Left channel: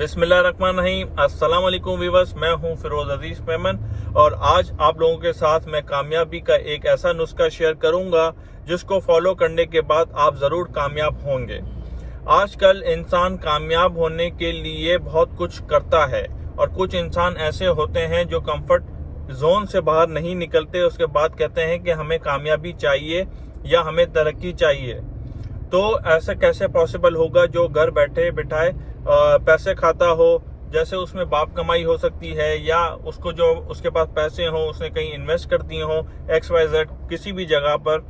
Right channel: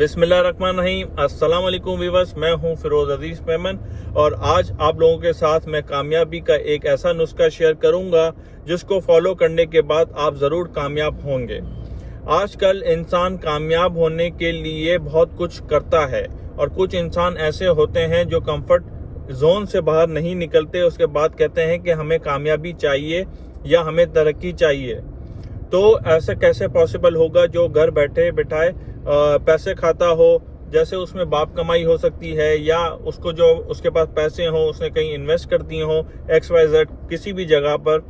बिस्मिल्लाहिर्रहमानिर्रहीम। अस्सलाम वालेकुम व्यूअर्स, मैं हूं फिरोज अजीज मेमन और आज आप लोगों के साथ मैं कामयाबी का एक ऐसा नुस्खा शेयर करूंगा जिसको फॉलो करने के बाद आप ज़रूर कामयाब होंगे। आजकल इंसान कामयाब होने के लिए बहुत कुछ करता है और कुछ इंसान ऐसे होते हैं जो कंफर्ट जोन से बाहर नहीं निकलते, उसके बाद कहते हैं कि हमें कामयाबी चाहिए या हमें तरक्की चाहिए। तो ऐसा कैसे पॉसिबल होगा जो घर बैठे बिठाए पैसे खाता हो, जैसे उसमें बाप कमाई हो सकती है या उसको जो उसके पास पैसे हों उसने कहीं इन्वेस्ट कर दिए हों XYZ किसी भी जगह पर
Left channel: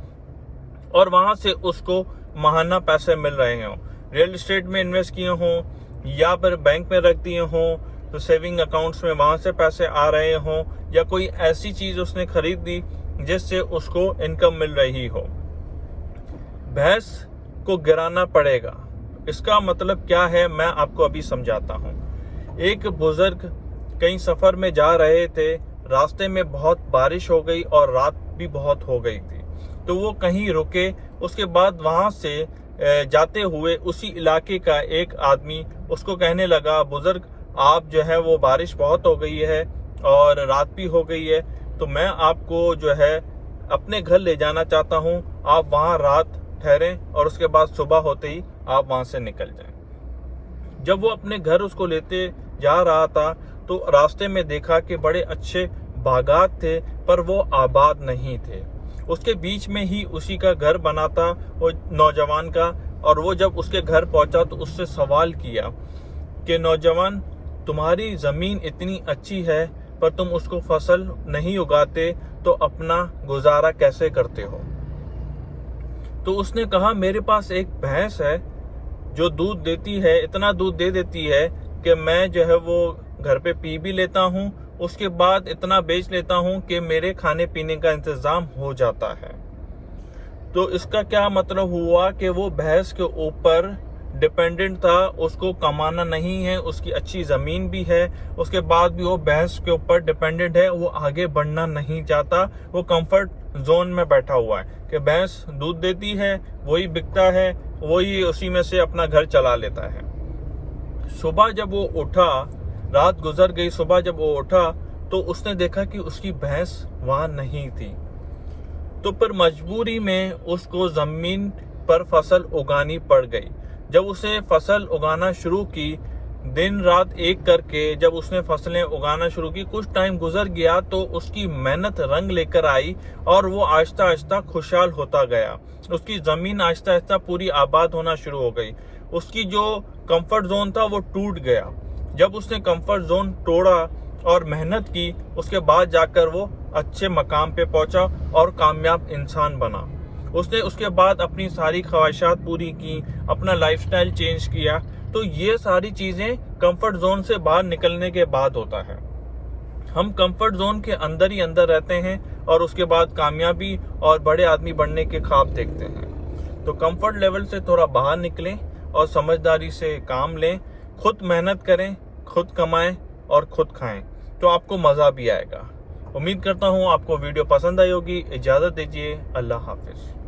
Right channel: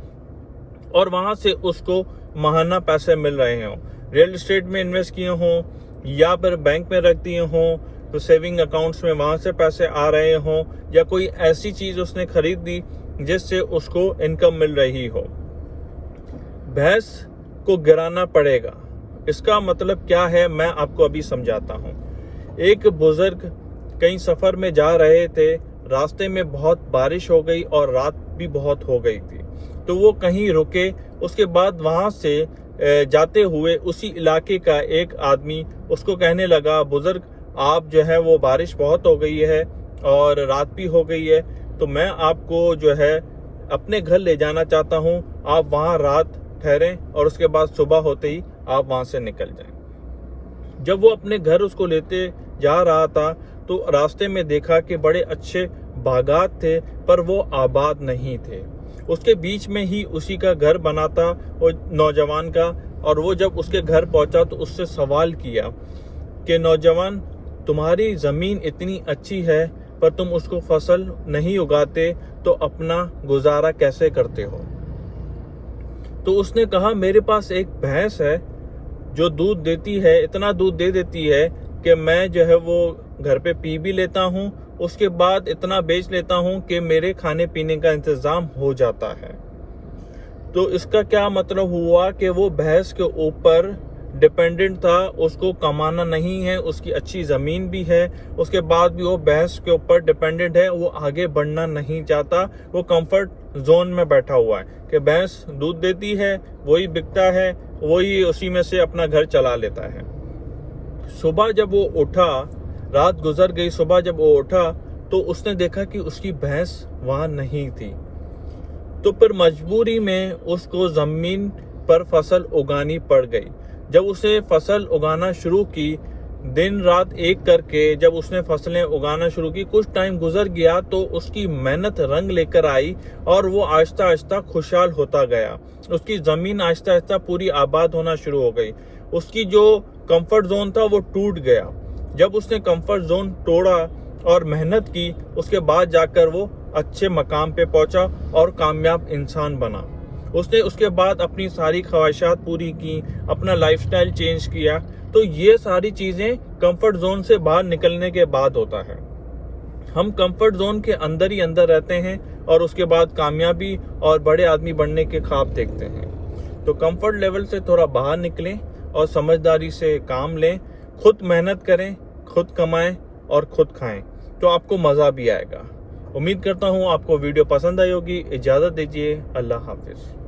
और वहाँ से उसको माहाना पैसे मिल रहे हों, रियल एस्टेट में इन्वेस्ट किए हों या फिर बैंक में रख दिए हों तो सेविंग अकाउंट्स में वहाँ से पैसे आ रहे हों या कोई ऐसी चीज़ उसने खरीद दी जिससे उसको इनकम मिल रही हो। भैंस को गिराना पड़ेगा, इसका मतलब क्या है मैं आपको अभी समझाता हूँ। एक बुजुर्ग कहीं सफ़र में जा रहे थे, रास्ते में बहुत बारिश हो गई और रात भी बहुत हो गई थी, तो वो कहीं रुके। उसके बाद वहाँ से जाते हुए उसी इलाके का एक आदमी उसको कहने लगा, बुजुर्ग आप जो है वो बारिश बहुत हो गई है और रात भी हो गई है, तो मैं आपको जो है अपने घर ले जाना चाहता हूँ, आप वहाँ रात ठहरें और उसके बाद सुबह होते ही आप वहाँ से निकल जाएं। जब वो अपने घर उसको लेते जा रहा था तो रास्ते में देखा कि बड़े अच्छे बागात थे पर वो आबाद नहीं थे। उसके बीच में ही उसी का घर बना था वो नौजवान का, और वो जब उसके घर पहुंचा तो उससे सवाल किया कि नौजवान, तुम्हारी ज़मीन इतनी अच्छी है पर तुम उसको फसल नहीं उगाते, तो अपना गुजारा कैसे करते हो? तो उसने कहा, मेरे पास एक भैंस है जो दूध देती है, इतना दूध दे देती है कि मैं जो है वो घर पे पी भी लेता हूँ, उसके बाद इतना बेच लेता हूँ कि मेरे खाने पीने का इंतज़ाम हो जाता है। तो इसका क्या मतलब हुआ कि वो भैंस के ऊपर डिपेंडेंट था, उसको कमाना नहीं है, उसकी अच्छी ज़मीन भी है, उसके बाद भी वो भैंस के ऊपर डिपेंडेंट है, वो आगे बढ़ना नहीं चाहता, वो कंफर्ट जोन में बैठा हुआ है कि भैंस दूध देती है, वही बिकता है, वही उसी में से अपना घर चला लेता है। सुबह जब वो उठा, रात गुजर गई, सुबह जब वो उठा तो उसने देखा कि उसकी भैंस वहाँ नहीं थी। तो फिर मजबूरी में उसको ज़मीन पर फसल उगानी पड़ गई। जब उसे फसल उगाना शुरू की, दिन रात एक करके जब उसने फसलें उगाना शुरू की, कुछ टाइम गुजर गया तो उसकी मेहनत रंग लेकर आई और वो आहिस्ता आहिस्ता खुशहाल होता गया। उसकी ज़मीन आहिस्ता आहिस्ता पूरी आबाद होना शुरू हो गई। उसकी जो कंफर्ट जोन था वो टूट गया। जब उसने कंफर्ट जोन तोड़ा और मेहनत की, उसके बाद जाकर वो अच्छे मकाम पे पहुंचा और कामयाब इंसान बना। उसने उसके बाद अपनी सारी ख्वाहिशात पूरी की, अपना लाइफस्टाइल चेंज किया। तो ये सारी चीज़ें कंफर्ट जोन से बाहर निकलने के बाद होता है। हम कंफर्ट जोन के अंदर ही अंदर रहते हैं और उसके बाद कामयाबी और बड़े आदमी बनने के ख्वाब देखते हैं। तो कंफर्ट लेवल से थोड़ा बाहर निकलें और समझदारी से काम लें, खुद मेहनत करें, खुद कमाएं और खुद खाएं, तो आपको मज़ा भी आएगा। उम्मीद करता हूँ आपको वीडियो पसंद आई होगी। इजाज़त दीजिए, अल्लाह हाफिज़।